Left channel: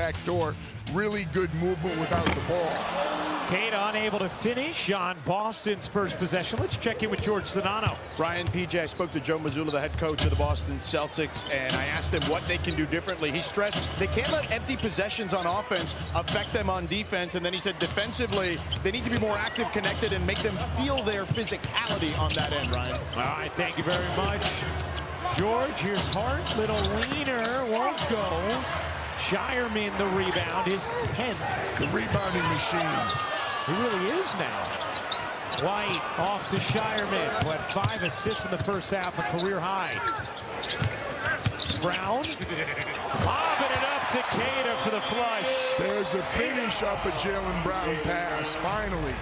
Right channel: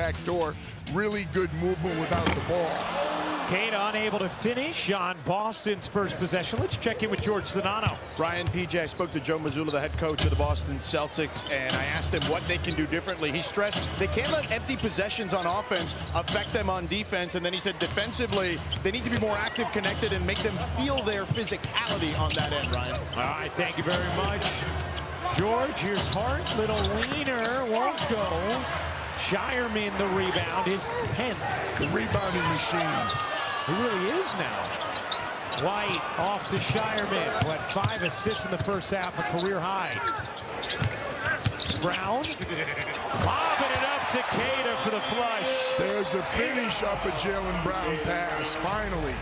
back door. Really good movement without the ball. Cade unable to finish on Boston's first possession. Let's check in with George Sedano. Brian, PJ, I spoke to Joe Mazzulla, the head coach of the Boston Celtics, and I asked him what they can do differently. He stressed they can't let empty possessions on offense affect them on defense, and then he said defensively, they need to be more active, connected, and make them feel their physicality on that end, Ryan. All right, thank you very much, George. Here's Hart, little leaner, won't go. Shireman the rebound, his 10th. The rebounding machine. He really is now. White off to Shireman, who had 5 assists in the first half, a career high. Brown, lobbing it up to Cada for the flush. There's a finish off a Jaylen Brown pass, finally.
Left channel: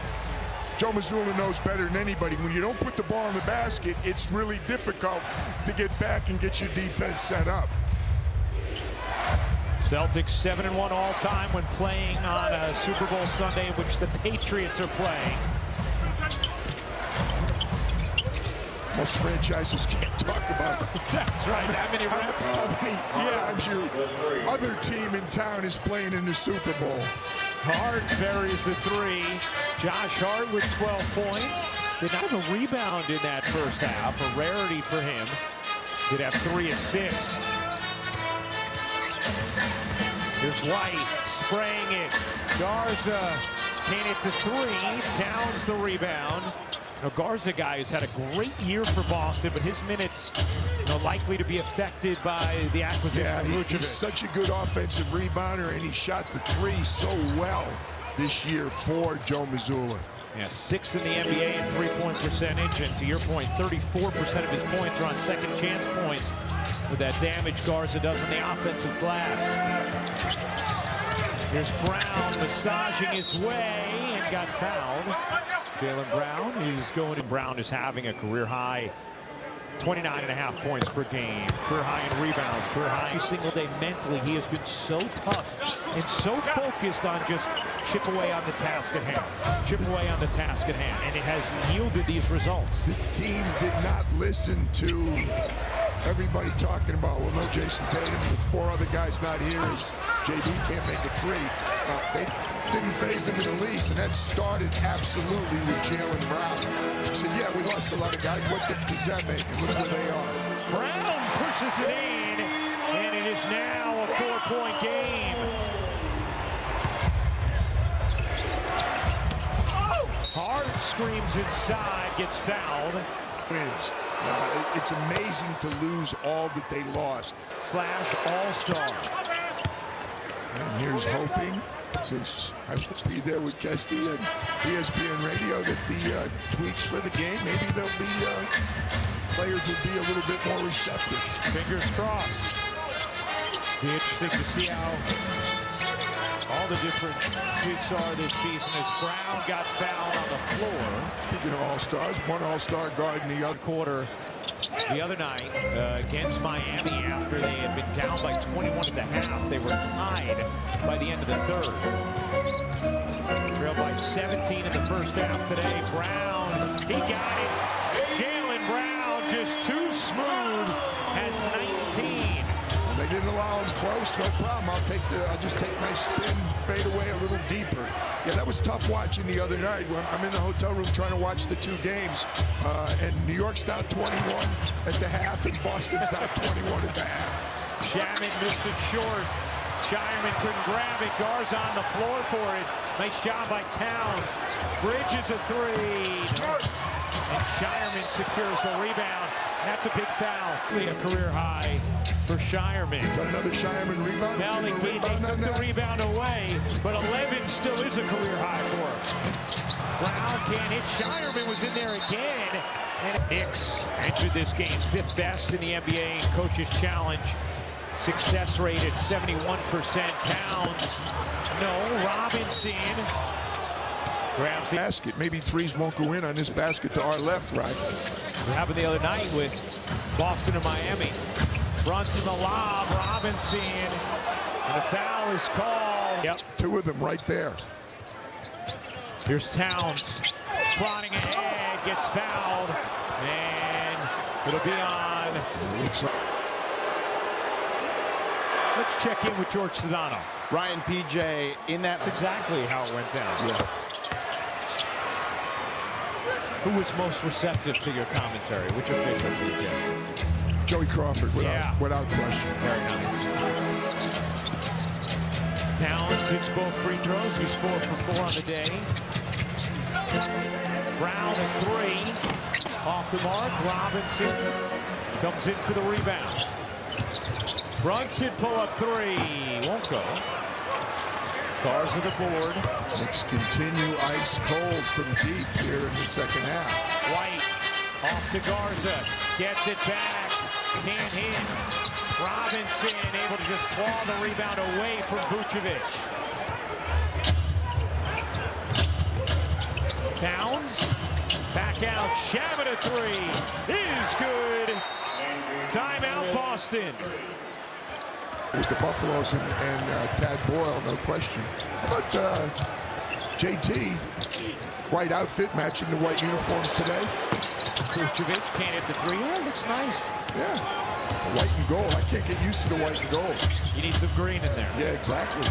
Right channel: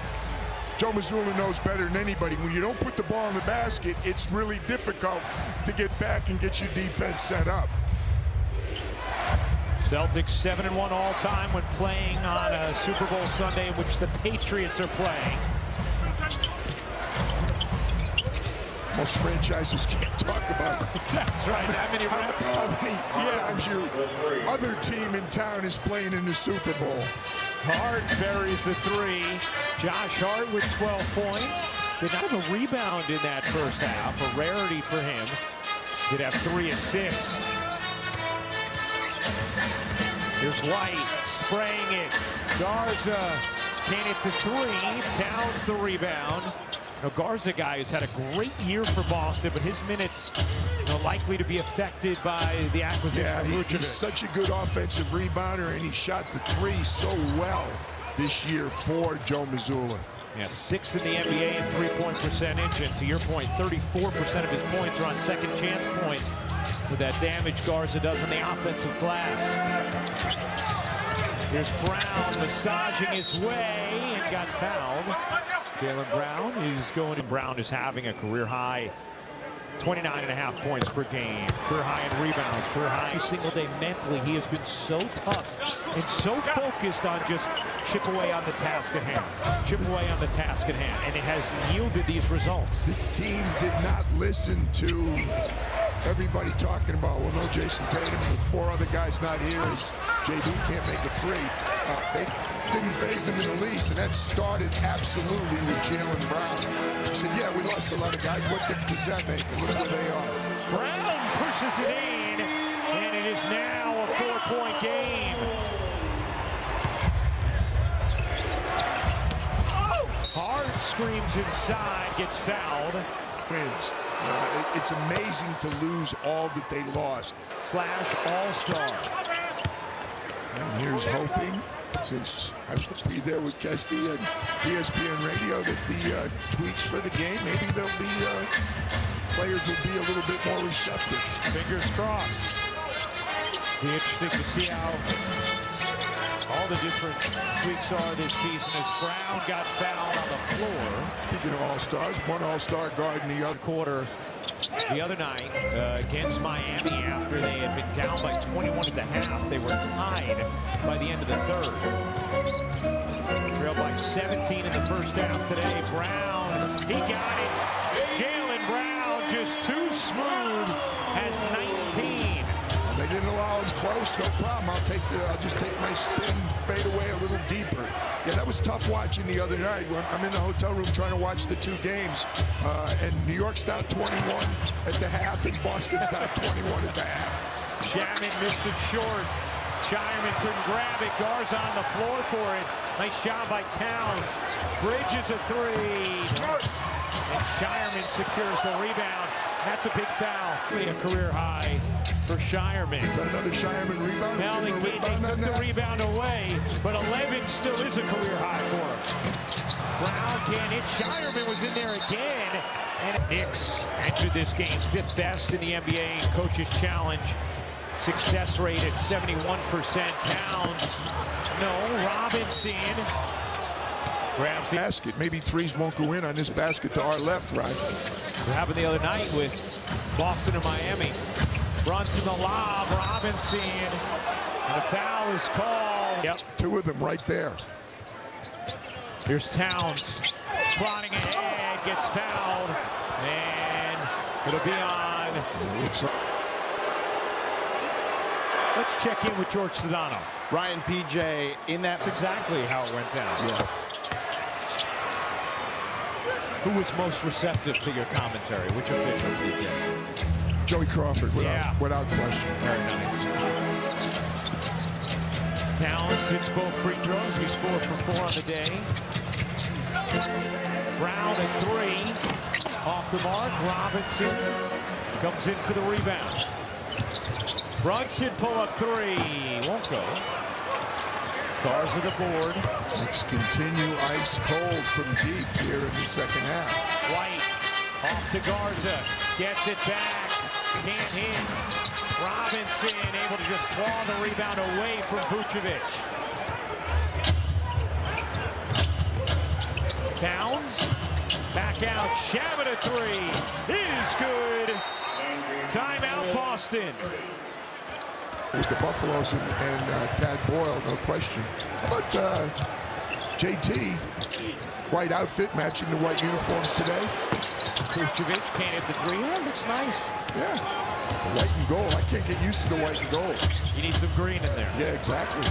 Joe Mazzulla knows better than anybody. When you don't put the ball in the basket, it's really difficult to get back and get your defense set up. Celtics 7-1 all-time when playing on a Super Bowl Sunday in which the Patriots are playing. Most franchises can't talk about That's right, that many reps. How many times your other team in town is playing in the Super Bowl. Hart buries the 3. Josh Hart with 12 points. Did not have a rebound in that first half, a rarity for him. Did have 3 assists. Here's White spraying it. Garza can't hit the 3. Towns the rebound. Now Garza, guy who's had a great year for Boston, but his minutes likely to be affected by the acquisition of Pritchard. He's such a good offensive rebounder, and he shot the 3 so well this year for Joe Mazzulla. Yeah, 6th in the NBA in three-point percentage, and to your point, 34% of his points are on second chance points with that damage Garza does on the offensive glass. Here's Brown massaging his way and got fouled. Jaylen Brown is going. Brown is having a career high 29.5 points per game, career high in rebounds, career high every single day. Mentally, he has been so tough and so focused on just chip away on the task at hand, and it has yielded these results. This team did not listen to everybody talking about, well, no Jason Tatum, with 4 other guys not here, as JB can't make a 3. They didn't phase them in the least, and that started absolutely with Jaylen Brown. He said, yeah, we lost a lot of guys. What difference does that make? And look where they are. Brown pushes it in, and it is now a 4-point game. Hart screams inside, gets fouled. Wins. It's amazing to lose all that they lost. Slash all-star. And here's hoping, since I will be there with Kesty and ESPN Radio, that the tweaks for the game, maybe there'll be players will be a little bit more receptive. Fingers crossed. Be interesting to see how all the different tweaks are this season as Brown got fouled on the floor. Speaking of all-stars, one all-star guard in the other quarter the other night against Miami after they had been down by 21 at the half. They were tied by the end of the third. Trailed by 17 in the first half today. Brown, he got it. Jaylen Brown just too smooth, has 19. They didn't allow him close, no problem. I'll just take my spin, fade away a little deeper. Yeah, that was tough watching the other night. I'm in the hotel room trying to watch the 2 games, and New York's down 21 at the half, and Boston's down 21 at the half. Shaman missed it short. Shireman couldn't grab it. Garza on the floor for it. Nice job by Towns. Bridges a 3. No. And Shireman secures the rebound. That's a big foul. A career high for Shireman. Is that another Shireman rebound? Now they took the rebound away, but 11 still is a career high for him. Brown can't hit. Shireman was in there again. And Knicks entered this game 5th best in the NBA Coaches Challenge. Success rate at 71%. Towns, no. Robinson grabs the basket. Maybe 3s won't go in on this basket to our left, right? What happened the other night with Boston and Miami. Brunson the lob, Robinson, and a foul is called. Yep. 2 of them right there. Here's Towns, plotting ahead, gets fouled, and it'll be on. Let's check in with George Sedano. Ryan PJ in that. That's exactly how it went down. Yeah. Who was most receptive to your commentary? Which official, PJ? Joey Crawford, Yeah. without question. Very nice. Towns hits both free throws. He's 4 for 4 on the day. Brown at 3. Off the mark. Robinson comes in for the rebound. Brunson pull-up 3. Won't go. Garza the board. Knicks continue ice cold from deep here in the second half. White off to Garza. Gets it back. Can't hit. Robinson able to just claw the rebound away from Vucevic. Towns back out. Shabbat a 3 is good. Timeout Boston. With the Buffaloes and Tad Boyle, no question. How about JT? White outfit matching the white uniforms today. Vucevic can't hit the 3. Yeah, looks nice. Yeah. White and gold. I can't get used to the white and gold. You need some green in there. Yeah, exactly.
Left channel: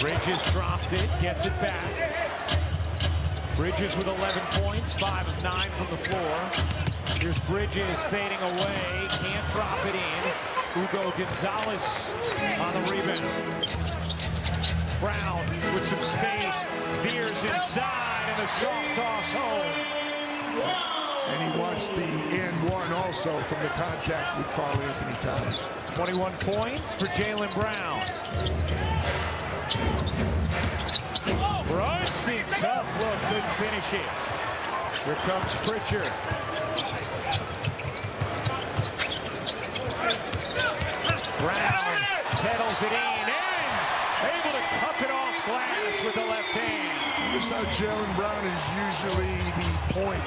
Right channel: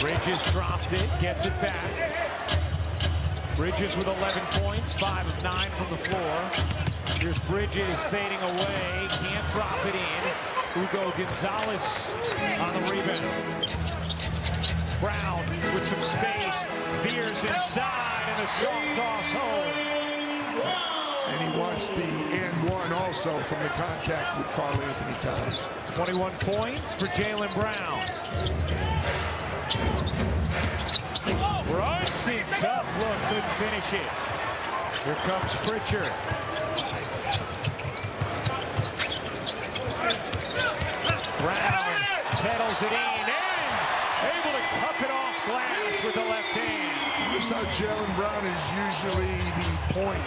Bridges dropped it, gets it back. Bridges with 11 points, 5 of 9 from the floor. Here's Bridges fading away, can't drop it in. Hugo Gonzalez on the rebound. Brown with some space, veers inside, and a soft toss home. And he wants the and one also from the contact with Karl Anthony Towns. 21 points for Jaylen Brown. Brunson, tough look, couldn't finish it. Here comes Pritchard. Brown pedals it in and able to cup it off glass with the left hand. Notice how Jaylen Brown is usually the point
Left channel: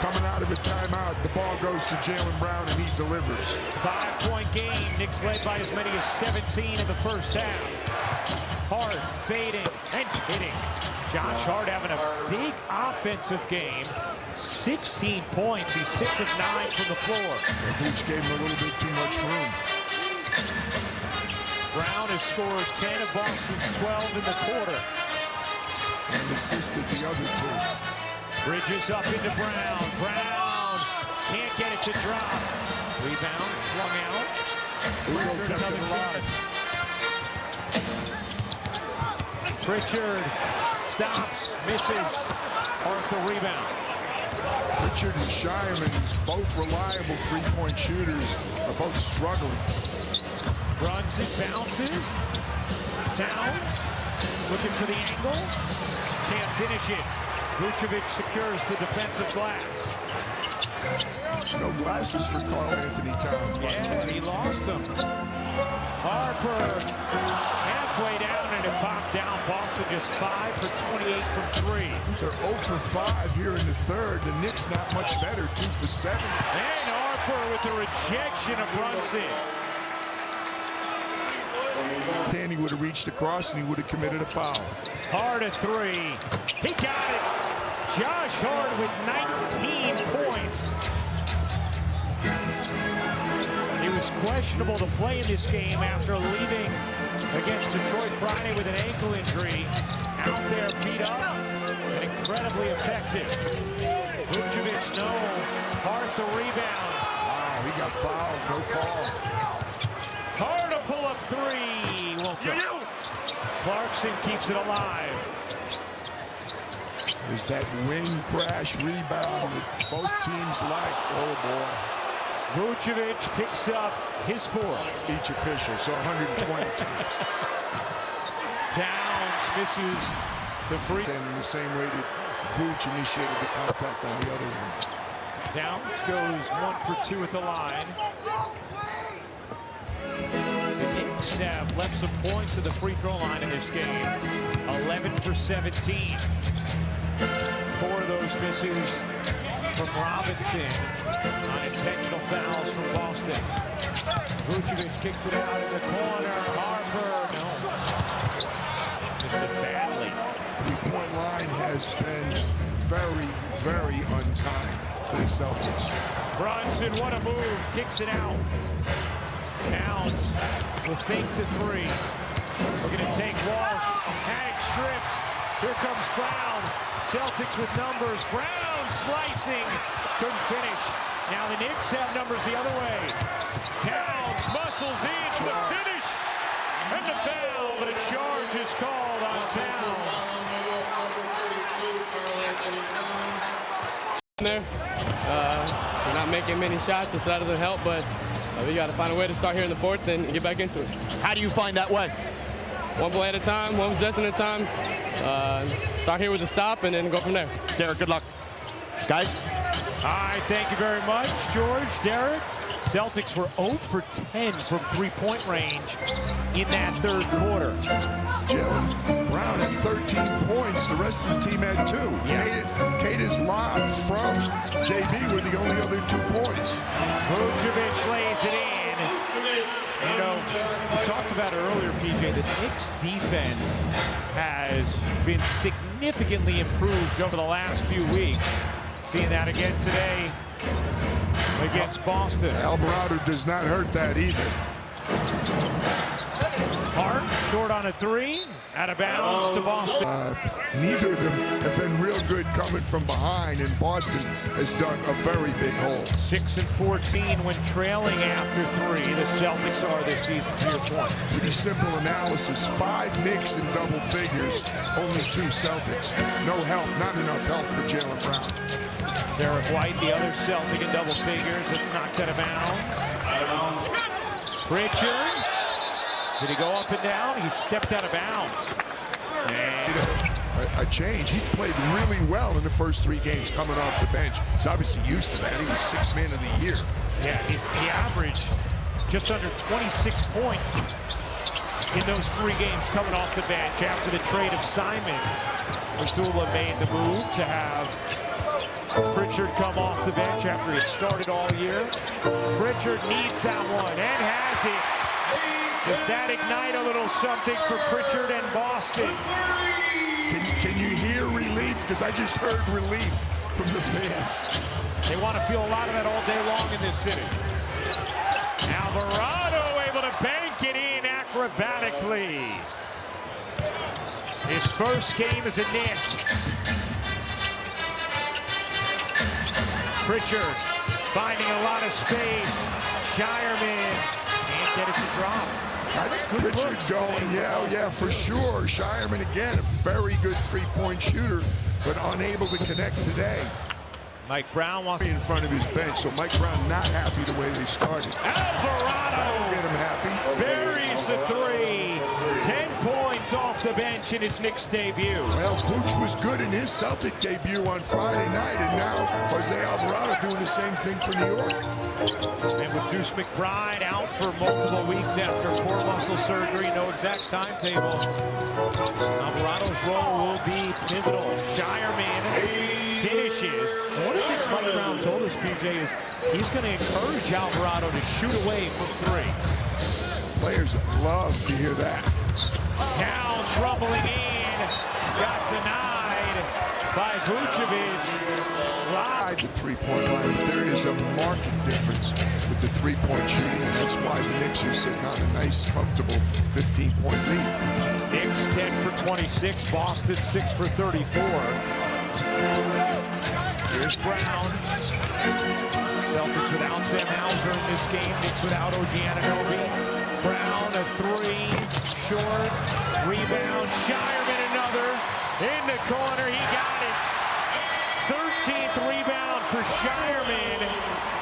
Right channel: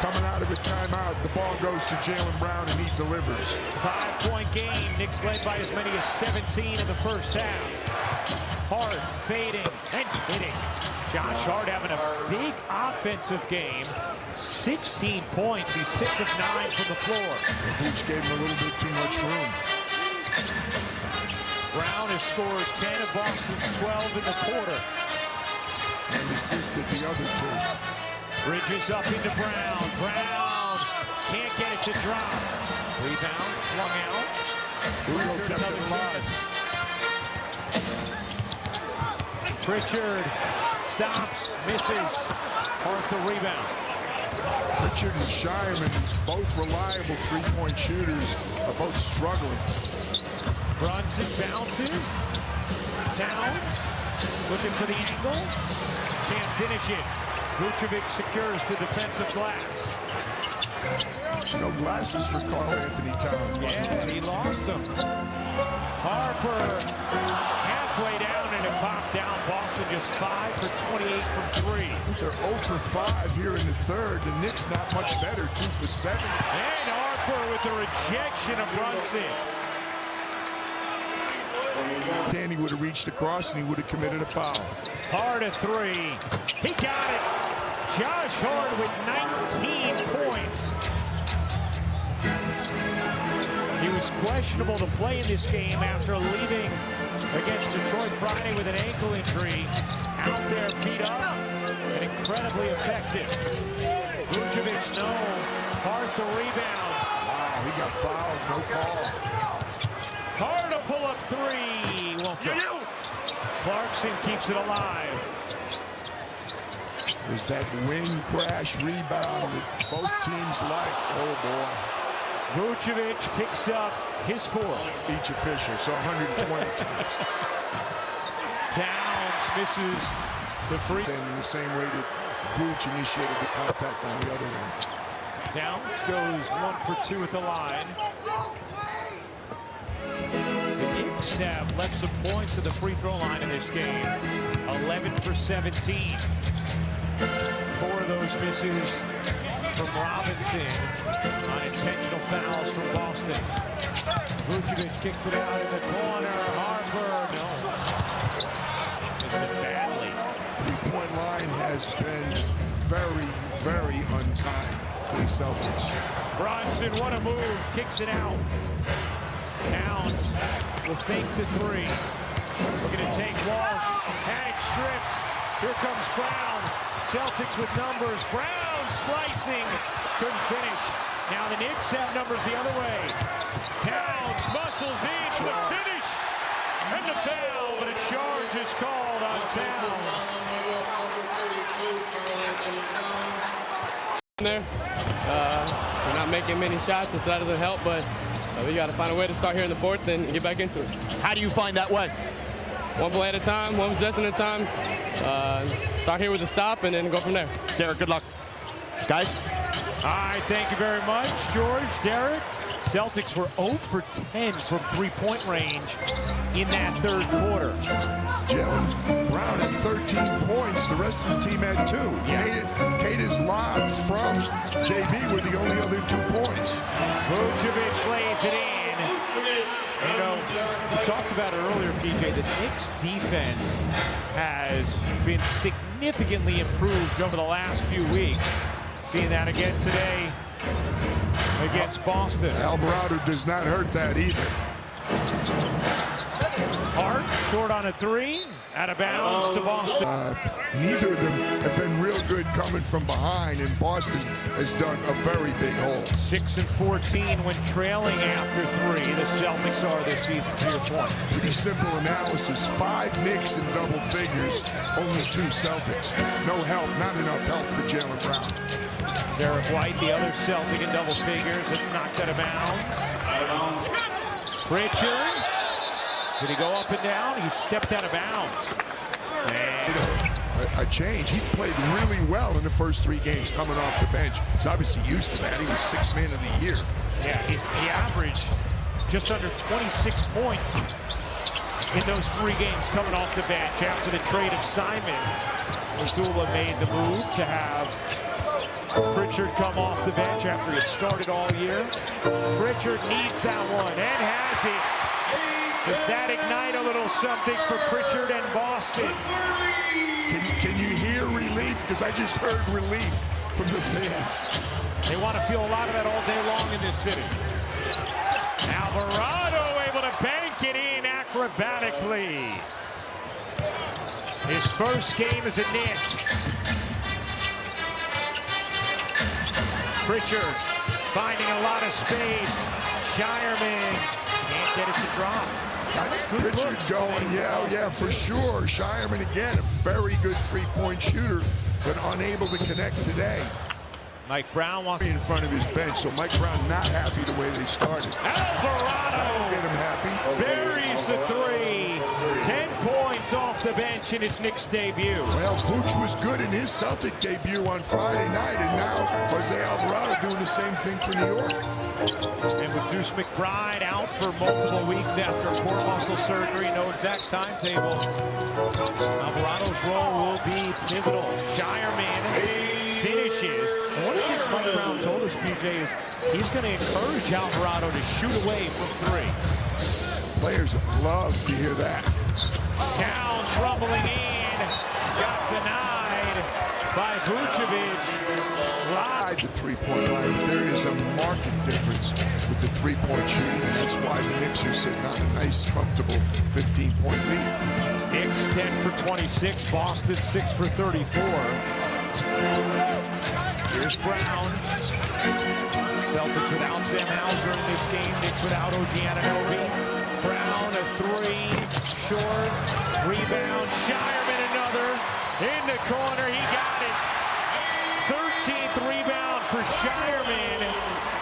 coming out of a timeout. The ball goes to Jaylen Brown and he delivers. 5-point game. Knicks led by as many as 17 in the first half. Hart fading and hitting. Josh Hart having a big offensive game. 16 points. He's 6 of 9 from the floor. Vooch gave him a little bit too much room. Brown has scored 10 of Boston's 12 in the quarter. And assisted the other 2. Bridges up into Brown. Brown can't get it to drop. Rebound flung out. Hugo Pritchard, kept another it alive. chance. Pritchard stops, misses. Hart the rebound. Pritchard and Shireman, both reliable three-point shooters, are both struggling. Brunson bounces. Towns looking for the angle. Can't finish it. Vucevic secures the defensive glass. No glasses for Karl Anthony Towns. Yeah, he lost them. Harper halfway down and it popped out. Boston just 5 for 28 from 3. They're 0 for 5 here in the third. The Knicks not much better, 2 for 7. And Harper with the rejection of Brunson. Danny would have reached across and he would have committed a foul. Hart a 3. He got it. Josh Hart with 19 points. He was questionable to play in this game after leaving against Detroit Friday with an ankle injury. Out there beat up and incredibly effective. Vucevic, no. Hart the rebound. Wow, he got fouled, no call. Hart a pull-up 3. Won't go. Clarkson keeps it alive. There's that wing crash rebound that both teams like. Oh, boy. Vucevic picks up his 4th. Each official, so 120 times. Towns misses the free. And in the same way that Vooch initiated the contact on the other end. Towns goes 1 for 2 at the line. The Knicks have left some points at the free throw line in this game. 11 for 17. 4 of those misses from Robinson on intentional fouls from Boston. Vucevic kicks it out in the corner. Harper, no. Missed it badly. Three-point line has been very, very unkind to the Celtics. Brunson, what a move. Kicks it out. Towns will fake the 3. take Walsh. Had it stripped. Here comes Brown. Celtics with numbers. Brown slicing. Couldn't finish. Now the Knicks have numbers the other way. Towns muscles in for the finish. And the foul, but a charge is called on Towns. We're not making many shots, and so that doesn't help, but we got to find a way to start here in the fourth and get back into it. How do you find that way? One play at a time, one possession at a time. Start here with a stop and then go from there. Derek, good luck. Guys? All right, thank you very much, George, Derek. Celtics were 0 for 10 from three-point range in that third quarter. Jaylen Brown had 13 points. The rest of the team had 2. Yeah. Kata's lob from JB were the only other 2 points. Vucevic lays it in. And, you know, we talked about it earlier, PJ, the Knicks defense has been significantly improved over the last few weeks. Seeing that again today against Boston. Alvarado does not hurt that either. Hart, short on a 3, out of bounds to Boston. Neither of them have been real good coming from behind, and Boston has dug a very big hole. 6 and 14 when trailing after 3. The Celtics are this season, to your point. Pretty simple analysis. 5 Knicks in double figures, only 2 Celtics. No help, not enough help for Jaylen Brown. Derek White, the other Celtic in double figures. It's knocked out of bounds. Pritchard. Did he go up and down? He stepped out of bounds. And a change. He played really well in the first 3 games coming off the bench. He's obviously used to that. He was 6th man of the year. yeah, he averaged just under 26 points in those 3 games coming off the bench. After the trade of Simons, Mazzulla made the move to have Pritchard come off the bench after he had started all year. Pritchard needs that one and has it. Does that ignite a little something for Pritchard and Boston? Can you hear relief? Because I just heard relief from the fans. They want to feel a lot of that all day long in this city. Alvarado able to bank it in acrobatically. His first game as a Knick. Pritchard finding a lot of space. Shireman can't get it to drop. Got Pritchard going, yeah, for sure. Shireman again, a very good 3-point shooter, but unable to connect today. Mike Brown wants In front of his bench, so Mike Brown not happy the way they started. Alvarado That'll get him happy. buries the 3. 10 points off the bench in his Knicks debut. Well, Vooch was good in his Celtic debut on Friday night, and now Jose Alvarado doing the same thing for New York. And with Deuce McBride out for multiple weeks after core muscle surgery, no exact timetable, Alvarado's role will be pivotal. Shireman finishes. And one of the things Mike Brown told us, PJ, is he's going to encourage Alvarado to shoot away from 3. Players love to hear that. Towns rumbling in, got denied by Vucevic. Live the 3-point line, but there is a marked difference with the 3-point shooting, and that's why the Knicks are sitting on a nice, comfortable 15-point lead. Knicks 10 for 26, Boston 6 for 34. Here's Brown. Celtics without Sam Hauser in this game. Knicks without OG Anunoby. Brown a 3, short, rebound. Shireman another, in the corner, he got it. 13th rebound for Shireman,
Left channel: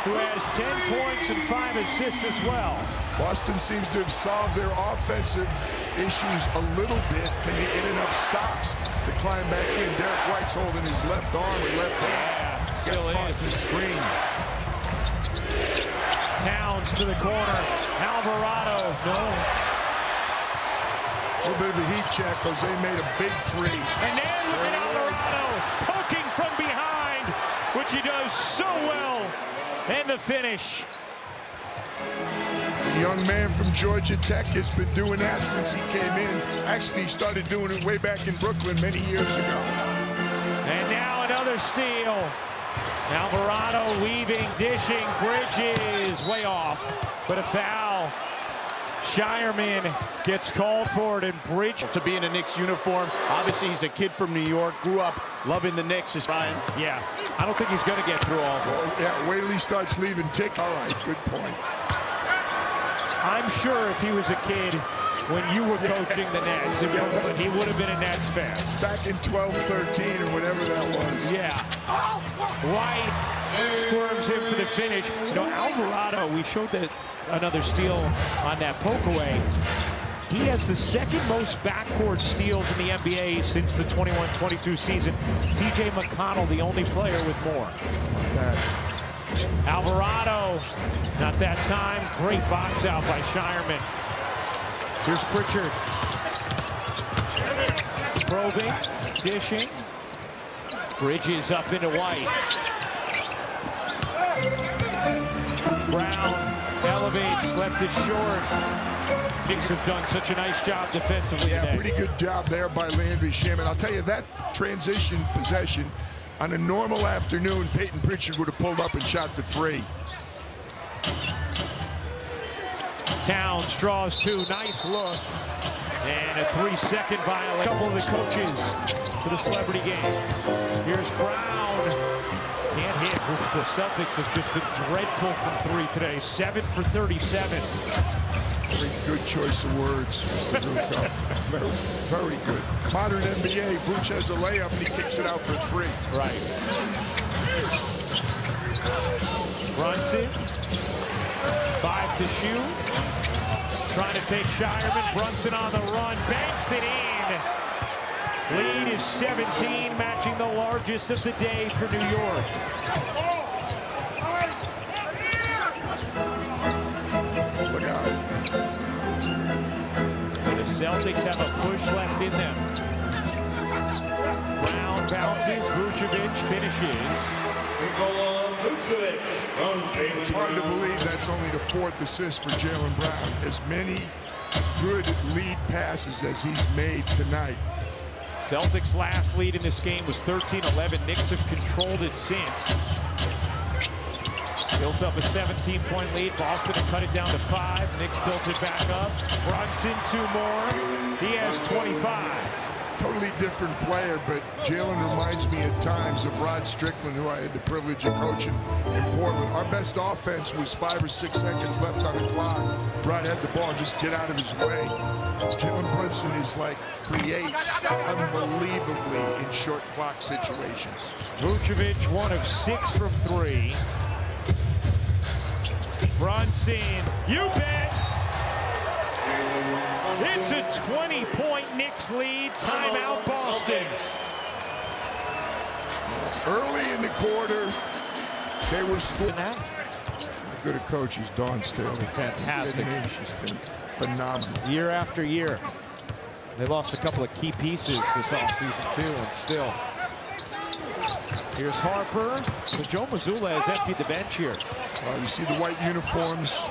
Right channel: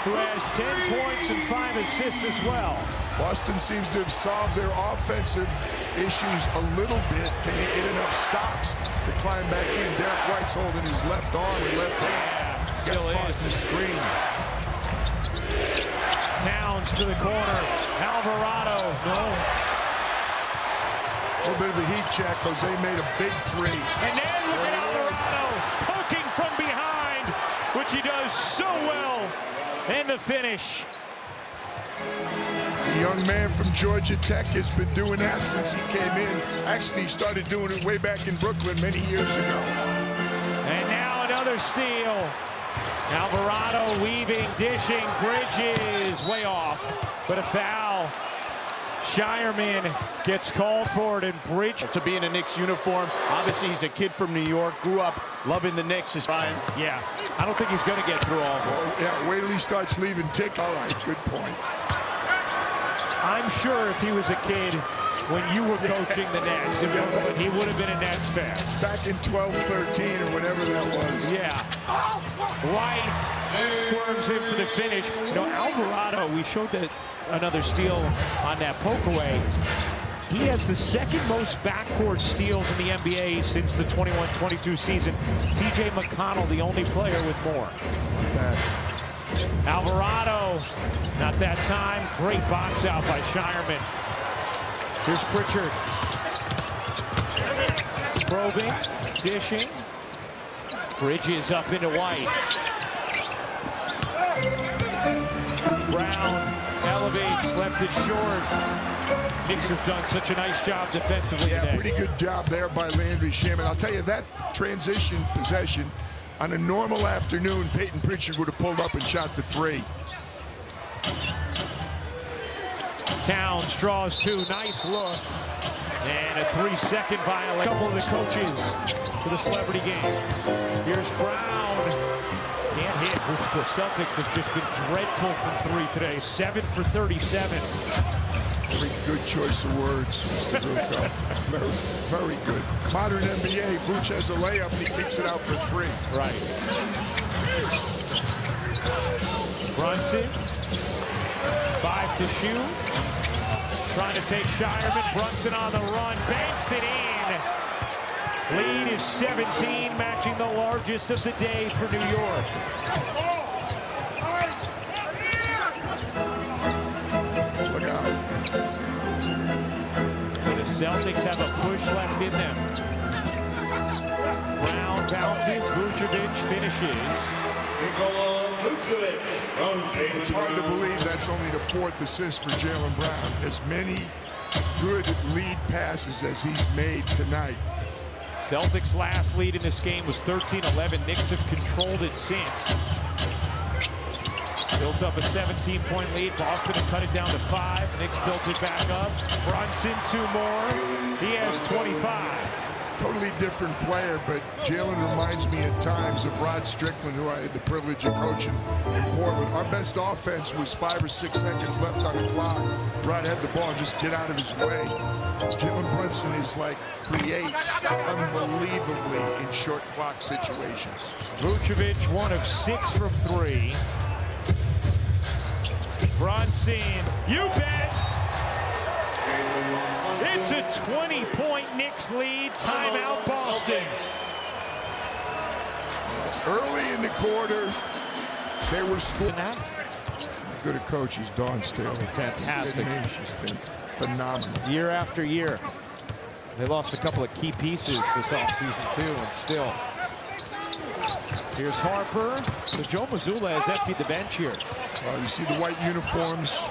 who has 10 points and 5 assists as well. Boston seems to have solved their offensive issues a little bit. Can they get enough stops to climb back in? Derek White's holding his left arm or left hand. Yeah, still Got caught is. in the screen. Towns to the corner. Alvarado, no. A little bit of a heat check. Jose made a big 3. And then look at Alvarado poking from behind, which he does so well. And the finish. The young man from Georgia Tech has been doing that since he came in. Actually, he started doing it way back in Brooklyn many years ago. And now another steal. Alvarado weaving, dishing, Bridges way off, but a foul. Shireman gets called for it, and Pritchard. To be in a Knicks uniform, obviously he's a kid from New York, grew up loving the Knicks. Is Ryan? Yeah, I don't think he's going to get through all of them. Oh, yeah, wait till he starts leaving tick. All right, good point. I'm sure if he was a kid when you were coaching the Nets in Brooklyn, he would have been a Nets fan. Back in 12-13 or whatever that was. Yeah. White squirms in for the finish. You know, Alvarado, we showed that another steal on that poke away. He has the second most backcourt steals in the NBA since the 21-22 season. TJ McConnell, the only player with more. Like that. Alvarado, not that time. Great box out by Shireman. Here's Pritchard. Probing, dishing. Bridges up into White. Brown elevates, left it short. Knicks have done such a nice job defensively today. Pretty good job there by Landry Shaman. I'll tell you, that transition possession, on a normal afternoon, Peyton Pritchard would have pulled up and shot the three. Towns draws two, nice look. And a 3-second violation. A couple of the coaches for the celebrity game. Here's Brown. Can't hit. The Celtics have just been dreadful from three today. 7 for 37. Very good choice of words, Mr. Rucco. Very, very good. Modern NBA, Vooch has a layup and he kicks it out for three. Right. Brunson. 5 to shoot. Trying to take Shireman. Brunson on the run. Banks it in. Lead is 17, matching the largest of the day for New York. Look out. The Celtics have a push left in them. Brown bounces. Vucevic finishes. It's hard to believe that's only the 4th assist for Jaylen Brown. As many good lead passes as he's made tonight. Celtics' last lead in this game was 13-11. Knicks have controlled it since. Built up a 17-point lead. Boston had cut it down to 5. Knicks built it back up. Brunson 2 more. He has 25. Totally different player, but Jaylen reminds me at times of Rod Strickland, who I had the privilege of coaching in Portland. Our best offense was 5 or 6 seconds left on the clock. Rod had the ball and just get out of his way. Jalen Brunson is like, creates unbelievably in short clock situations. Vucevic 1 of 6 from 3. Brunson, you bet. It's a 20-point Knicks lead. Timeout, Boston. Early in the quarter, they were scoring. How good a coach is Dawn Staley. Fantastic. She's phenomenal. Year after year. They lost a couple of key pieces this offseason, too, and still. Here's Harper. So Joe Mazzulla has emptied the bench here. You see the white uniforms.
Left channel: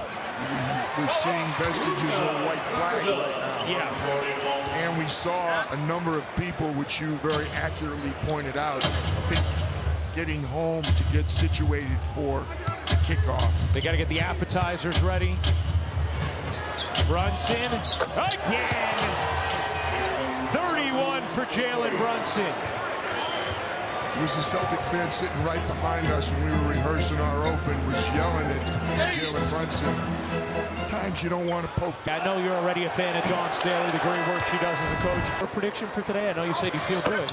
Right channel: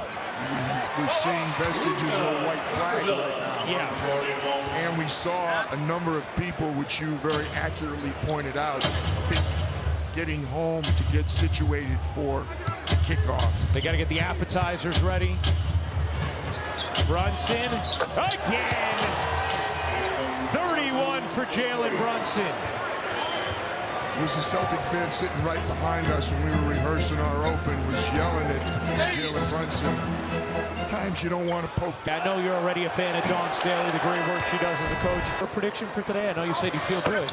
We're seeing vestiges of a white flag right now. Yeah. And we saw a number of people, which you very accurately pointed out, I think getting home to get situated for the kickoff. They got to get the appetizers ready. Brunson again. 31 for Jaylen Brunson. It was a Celtic fan sitting right behind us when we were rehearsing our open, was yelling at Jaylen Brunson. Sometimes you don't want to poke. I know you're already a fan of Dawn Staley, the great work she does as a coach. Her prediction for today, I know you said you feel good.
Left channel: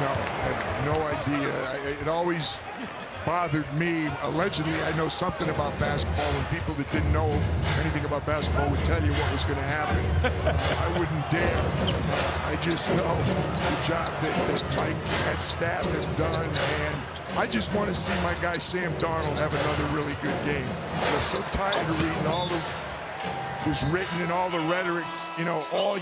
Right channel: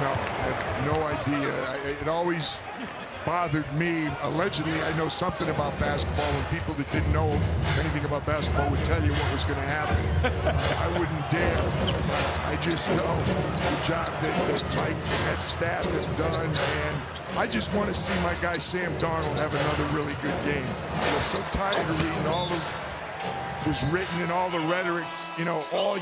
No, I have no idea. It always bothered me. Allegedly, I know something about basketball when people that didn't know anything about basketball would tell you what was going to happen. I wouldn't dare. I just know the job that Mike and that staff have done, and I just want to see my guy Sam Darnold have another really good game. I'm so tired of reading all the was written and all the rhetoric, all